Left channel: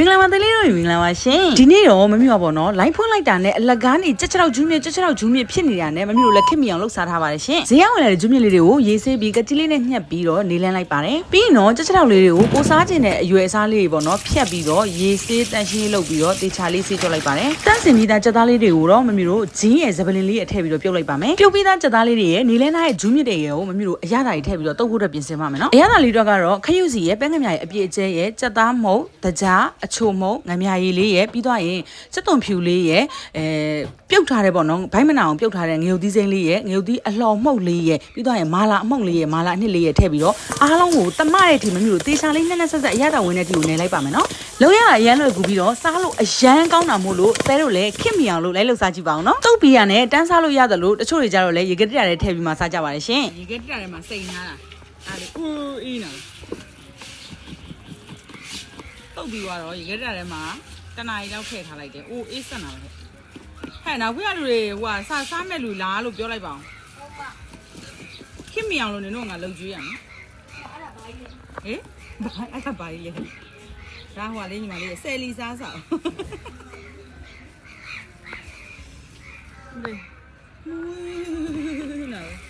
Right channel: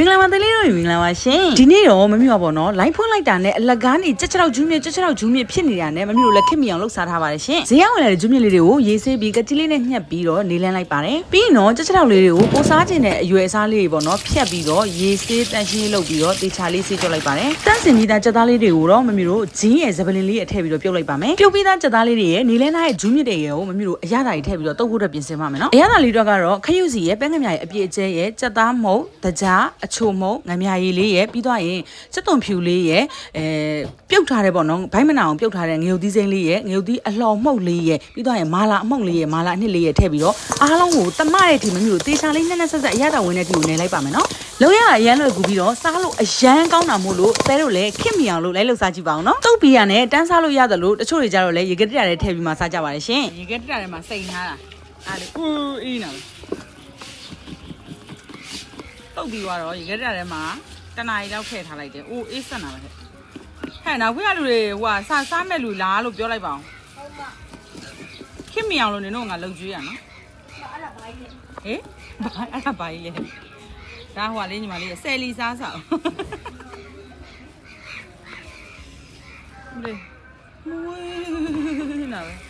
မင်္ဂလာပါတလေးတို့မင်္ဂလာပါရှင်ဒီနေ့တော့မမျိုးပါပေါ့နော်လိုင်းဖွင့်လိုက်တာနဲ့အလကားနေချက်ချောက်ဂျူးမြဖြစ်နေတာနဲ့မမျိုးလက်ခစ်မီအောင်လှုပ်စားထားပါတယ်ရှင်ဈေးရောက်ဝင်လာတဲ့ဂျူးမြလေးတွေကိုရေးဆေးပြီးကတိလေးနဲ့ညှက်ပြီးတော့နေလန်းလိုက်ပါတယ်ပြီးရင်တော့ချက်ချောက်လေးတွေကိုပိုစားခြင်းနဲ့အရွယ်အစားလေးတွေပေါ့နော်ဖြတ်ပြီးတော့ရေးဆေးတန့်ရှင်းလုပ်ပြီးတော့တေချာလေးဆေးကြောက်လိုက်ပါတယ်တန့်စင်ပြီးသားချက်သားလေးတွေကိုတော့မမျိုးတို့ဂျင်းရဲ့ဇပလင်လေးအထည့်ပြီးတော့ပြုတ်လိုက်ပါမယ်ပြုတ်ပြီးသားချက်သားလေးတွေရဲ့နေလန်းထားတဲ့ဂျူးမြတွေကိုမမျိုးတို့အရသာတွေထည့်ပြီးတော့တုပ်ဖို့အတွက်ပြင်ဆင်ပါမယ်နော်အရသာလေးတွေကတော့ခရုစီရဲ့ပဲငမြရဲ့အပြည့်အကျဲရဲ့ချက်သားမုတ်တကြားအချိုမုတ်ငမြရည်လေးရဲ့ပြီးတော့ရင်စက်သွန်ဖြူလေးရဲ့ပြုတ်ထားတယ်ပေါ့နော်ဘိုင်းမနာအောင်ပြုတ်ထားတဲ့ငရုတ်သီးစိမ်းလေးရဲ့ငရုတ်သီးအလှော်မှုတ်လေးရဲ့ပြီးတော့ရင်မာလာအမှုတ်လေးရဲ့မာလာအနှစ်လေးရဲ့ထည့်ပြီးတော့အားလုံးကိုတမတဲ့ဒီမမျိုးတေချာလေးနဲ့ဆက်ဆက်အရသာဝင်တဲ့ဒီကိုနေလိုက်ပါမယ်နော်လုံးရအရန်လွယ်ကူပြီးတော့စားလို့အရန်ကောင်းတာမို့လို့တဲတို့လည်းခစ်မီအောင်လို့လိုက်လှုပ်စားကြည့်ပါအောင်နော်တုတ်ပီရနဲ့တန်းစားလို့ရတယ်လို့တချို့တွေကြတော့လည်းရေကတိရတဲ့ထည့်ပြီးမှစားကြပါတယ်ရှင်ရေကတိရတဲ့မှာစိန်ထားတာအားလေဦးအေးနာတုတ်ပြီးတော့ရေကတိရတဲ့မှာတနားရီတော့ထည့်ထားလိုက်တယ်။အိုးအေးဆက်နာပါဟဲ့။ဟဲ့နောက်ခွေးလူတွေဟိုကစားမဲ့လူလားလို့ပြောလိုက်ပါအောင်။ဟုတ်ပါ။ခင်မီအောင်လို့နင်တို့ငါလှုပ်ကြွေးရနော်။အဲ့ဒါဘာကြီးလဲ။ဟေးအဲ့ဒါဘာကြီးလဲ။ဒါဟိုလေးညီမလေးဆယ်လီစားစား။ဟဲ့။မွေးနာပဲ။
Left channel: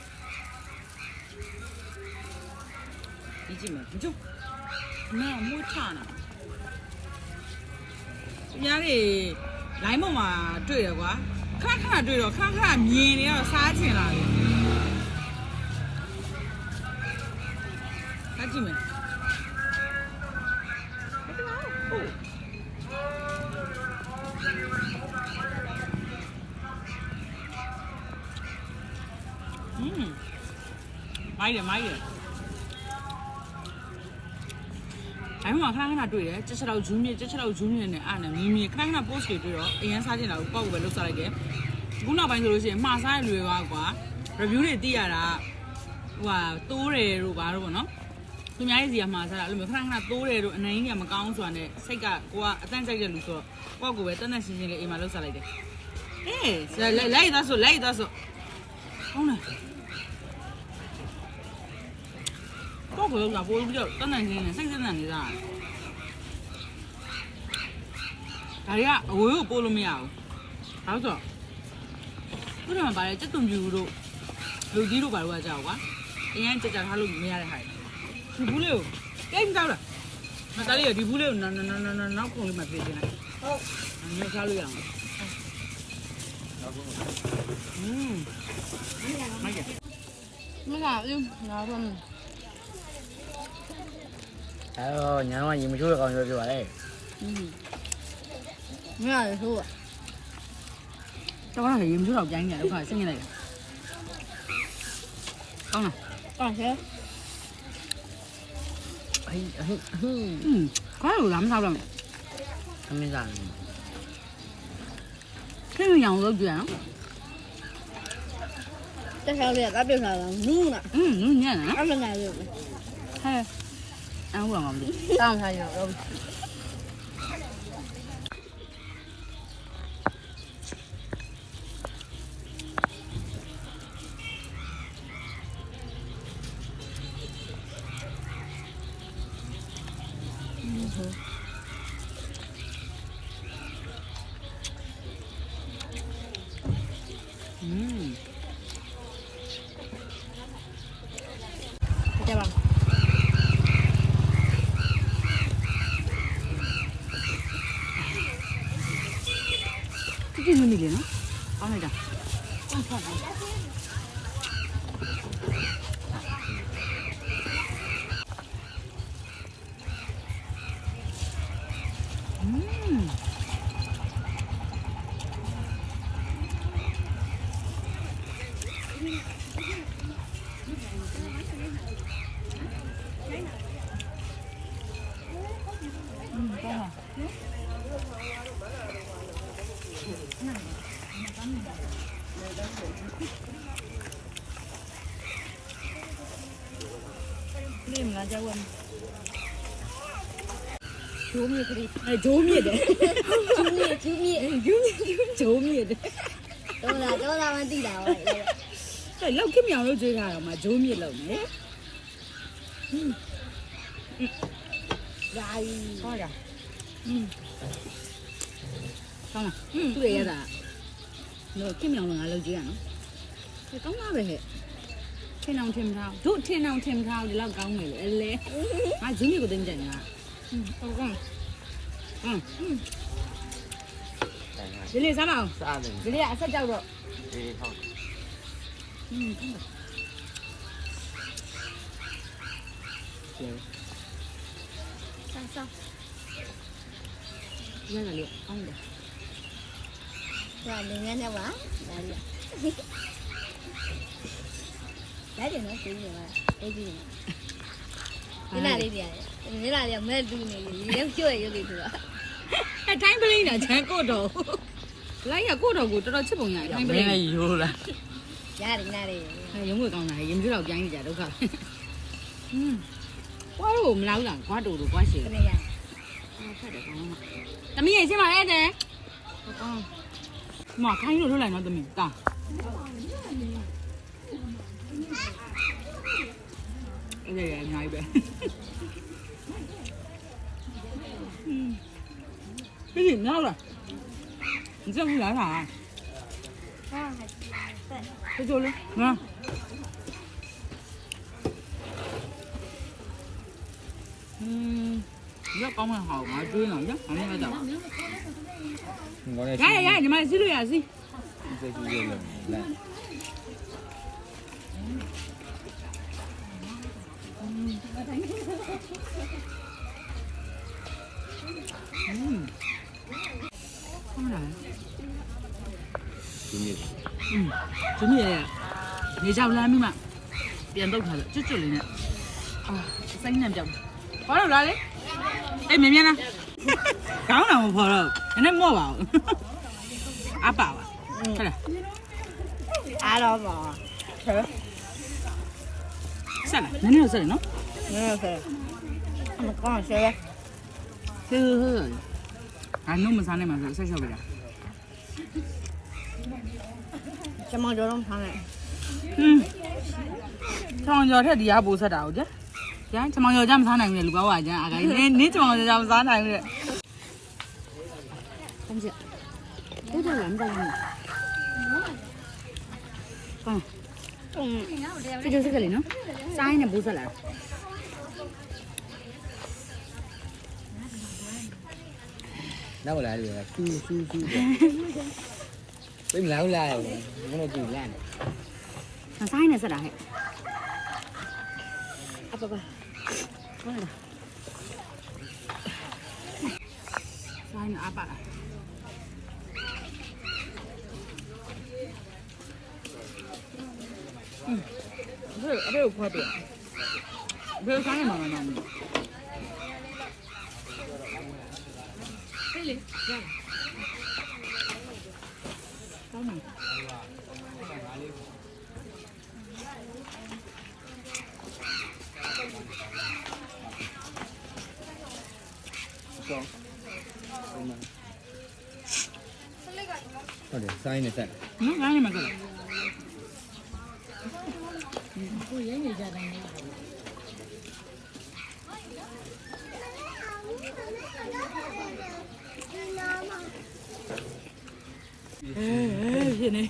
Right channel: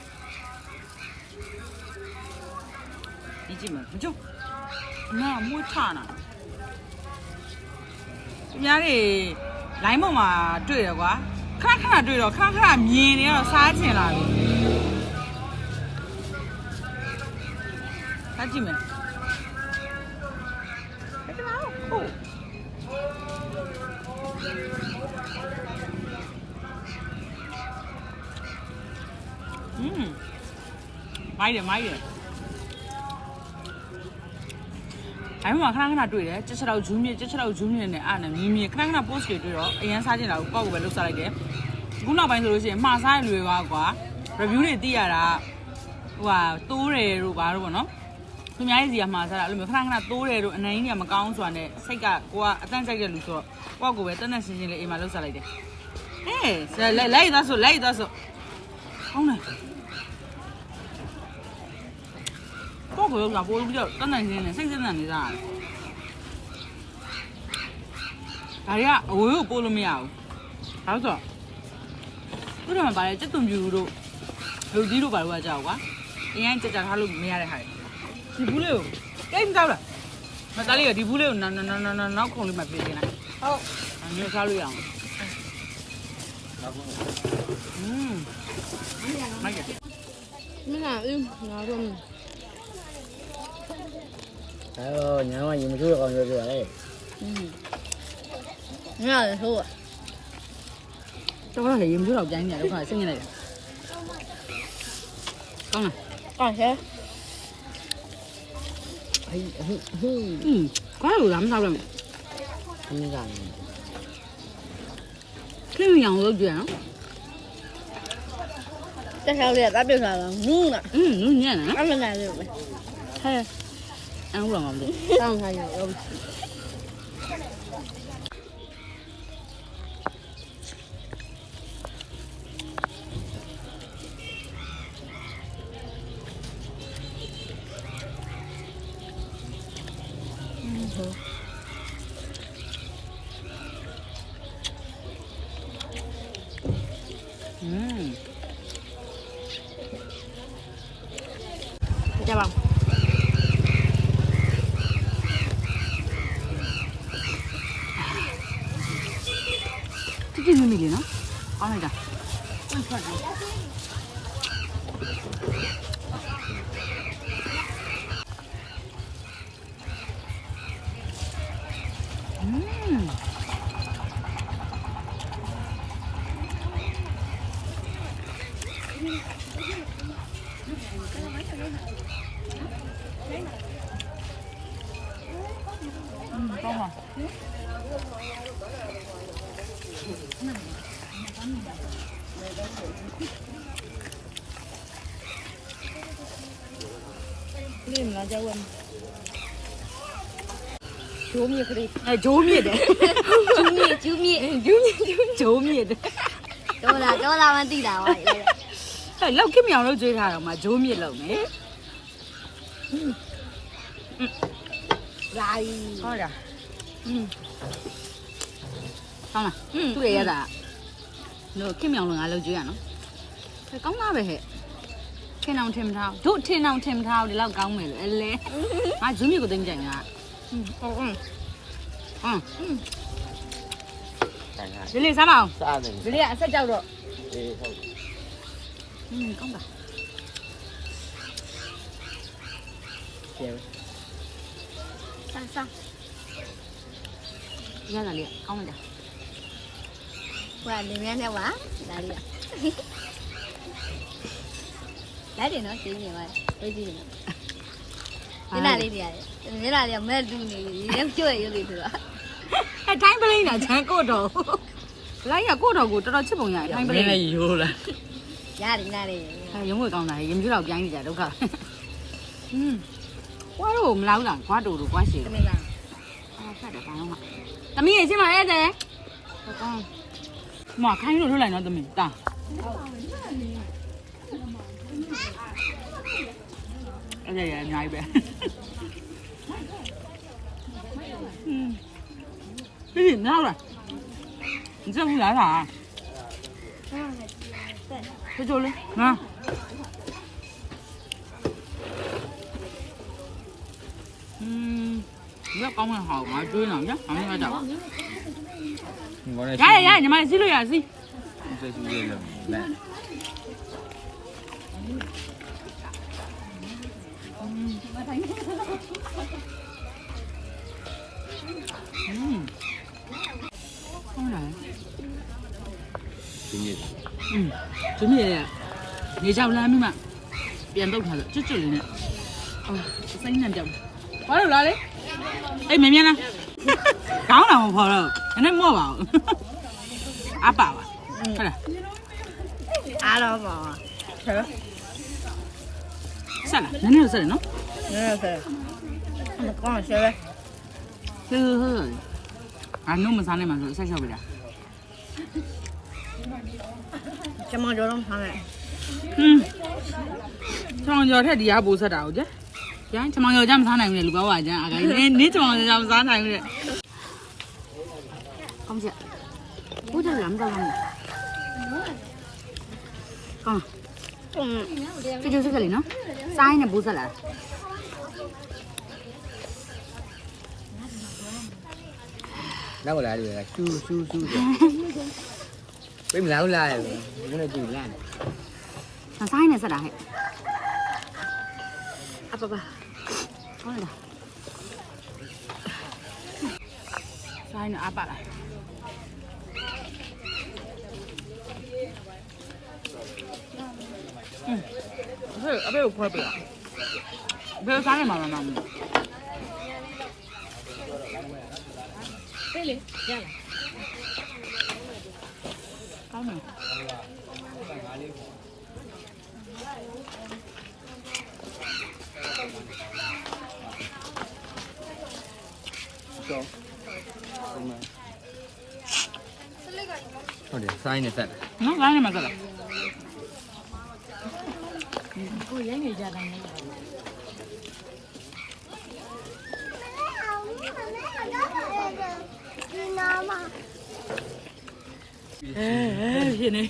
ဒီကြည့်မကြည့်။နာမွေးချနာ။ညားတွေလိုင်းပေါ်မှာတွေ့တယ်ကွာခဏတွေ့တော့ခဏမြင်နေတော့စားချင်လာတယ်စားကြည့်မယ်အဲ့ဒါဟုတ်မိုက်တယ်အဲ့မှာခဏတွေ့တယ်ချက်ချောက်ဂျူးမြင့်နဲ့အားနဲ့မြင်ခဏ post တွေတွေ့တော့အရန်စားချင်တာကိုပေါ့ကိုပဲလှုပ်စားလိုက်တယ်ခုနောက်ပိုင်းဆိုလို့ရှိရင်မှားစားရလွယ်ပါကွာ review တွေသိရတာဟိုဟာတိုးတယ်တို့ဘာတို့ပေါ့နော်သူများရဲ့စီကမှားစားတာအဲ့လိုမျိုးခဏတိုးတယ်တို့အနိုင်ကြီးကမကောင်းဆိုတာနဲ့စိတ်ကကိုကအတန်းကြိုက်တဲ့လူဆိုတော့ပေါ့ကိုပဲတန်းရှင်းလေးအိမ်မှာလှုပ်စားလိုက်တယ်လိုက်သွားဆိုကောင်းတယ်ပေါ့ကိုကပိုးလို့ပြောတန်းရှင်းနေစိတ်စစ်နေစားတယ်ဒါရီကအဝေးကိုပို့လို့မရဘူး။ဒါဆိုသူတို့ကပါလေစက်သွန်ပြူတို့လူကြီးတို့ပါလို့ကကြောက်ကွာ။အရင်ကြကြထားလို့မရတဲ့ဟာ။ဒီဘူးလေးကိုတိတ်မစားလား။မသားလေးကဒီဘူးလေးကိုနောက်ခုံလေးမှပြေးနေလိုက်။ဟုတ်။အမျိုးစားလို့ရအောင်။မကဲ။မနာဘူးငါတို့ညာတော့ရေမချိုးတဲ့ကောင်ပြောပါလေမရဆိုးတော့လည်းရေမချိုးတော့ကျန်းနေတယ်ဒုက္ခဆင်းနေလိုက်ကောင်းလားဟုတ်ကဲ့ဘာလို့လာမစားတော့မသမင်းစားခင်ဗျာအောင်လုပ်ကြရအောင်တက်ချောင်းလေးကပြတ်သွားတာနူးနာနူးညံ့နော်အမနာလို့ပဲဟဲ့အောင်တော့မလို့တောင်းထားရအောင်ကြပါဒီမီလေးနော်အားလိုက်တာนี่มันจะวนဂျိုးမြစ်ကလေးဂျိုးမြစ်တယ်ဂျိုးမြစ်ဂျိုးမြစ်တယ်တော့လာမသိတာပါလေဟဲ့လောက်ခင်မြောင်လို့ကြွေးထားတော့မှဂျိုးမြစ်လောက်မယ်လာဟုတ်လား ကောင်းလားသူ့ရဲ့ရတာတို့ခင်မြောင်လုံးငါလုပ်ကြည့်ရနော်ကောင်းလားပဲဟဲ့ထင်းအောင်ထင်မထားတို့ထင်းအောင်ထင်မထားဒီလောက်ကောင်းမယ်လေအလဲငါဇွန်းမြေကိုသိမ့်ကြင်ငါဟုတ်ဒီလေးစားမအောင် စားတယ် ဒီလေးကအဆက်ကြောက်တော့ အေးဟုတ် ကောင်းပါ ကျန် 上上， ရတာလေးကောင်းလိုက်တာ 我里面的娃哪里？来点喏，谁点哇？谁点？你哪里的？你哪里没录呢？有点久了，有点多。 အဲတိုင်းပလိန်းကချမ်းကိုတော့လိုက်ကကိုတော့ကိုတော်တော်ချစ်ပုံရတယ်တိုင်းပ မ လိ င်း န်း လည်းရိုးလား 哪里哪里？ အဲရုံးဝေကောင်းတာရင်စုတော့ပြန်ကြဒုက္ခကွာတော့မလာဘူးလားကွာတူတူကွာရှည် 怎么样？ အဲ့ဆက်တော့ကောင်းတော့သမီးရဲ့ချင်းပါရဲ့တဲ့ဟုတ်ကောင်းမခိုင်းလို့ထုတ်လိုက်တော့သမီးတာအဲ့ဒါရအများကြီးပဲဒီနောက်လား你这不来啥？啊，对。这就嘞，啊。你要搞蛮好，我追呢，你看，你看咋吧？呀，你们几岁呀？几？这是月亮来好难。今年准备你家拉面嘛，变豆开了，就这里呢。啊，三年标，我又来了。哎，妹妹呢？刚来我跑了，现在没吧？阿爸啊，快点。阿老妈，算了，明天有事喏。那是，他们刚学的，就是啊，弄么啥的嘛，是啥小辈啊？什么叫弄汤嘞？长脚太低下不是的，我这，呀，长脚咱们啥难的，如果我这啊个，你长脚咱们啥难的？放下，我这两个呢。这就是个哩喏，啥也不是了。哪个来的？咻咻咻的。为什么来的？我那就来。那啥也是了还。啊爸爸，好了。啥也阿爸了。အဖေကိုဖွက်ပြအဖေစားနေမှာလားမမပြေးလေရလာကောင်းတယ်ဟုတ်တယ်စားရင်းနဲ့ဆက် နော်စားနေမှာကလားကိုရမ်းနေကြတိုင်းလေ ဖြစ်နေ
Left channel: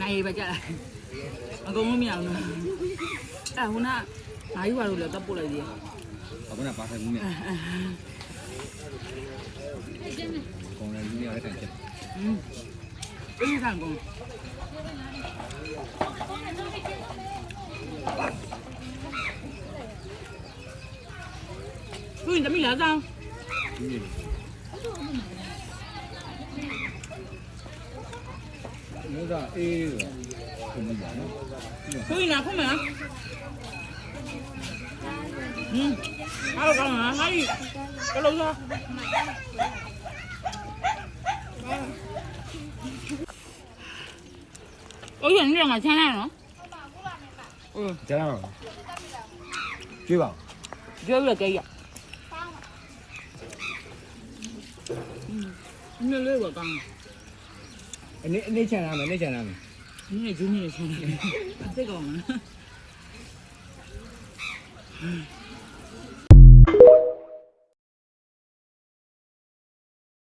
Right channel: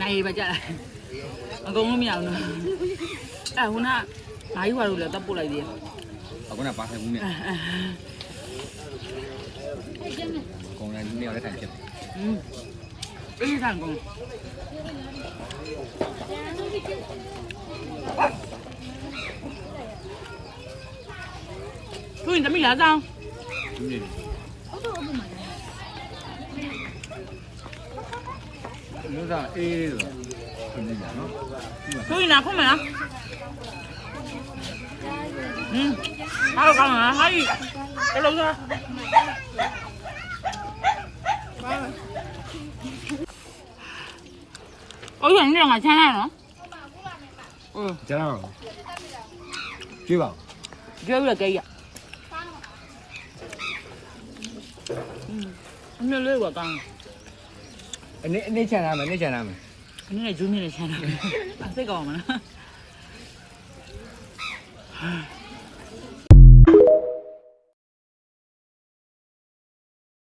နိုင်ပါကြလားအကုန်လုံးမရဘူးနော်အဲဟိုနာနိုင်ရွာလို့လည်းတပ်ပို့လိုက်သေးတယ် အခုနပါဆိုင်ဘူးမြတ်ကောင်းတယ်ဒီနေ့လည်းထိုင်ချက် အေးဆန်ကုန်သူရင်တမီးရအောင် ဒီနေ့လို့သာအေးလို့ဒီနေ့နော် သူရင်နာခုမလားဟာကောင်းလားဟာကြီးတလုံးသားအိုးရနေမှာချမ်းရနော် ကျတော့ကြည့်ပါ ပြောရကြရအမေလေးကကောင်း အနေချန်လာမယ်အနေချန်လာမယ် အနည်းနဲ့ဂျူးမြင့်နဲ့ချမ်းတာစိတ်ကောင်းမလား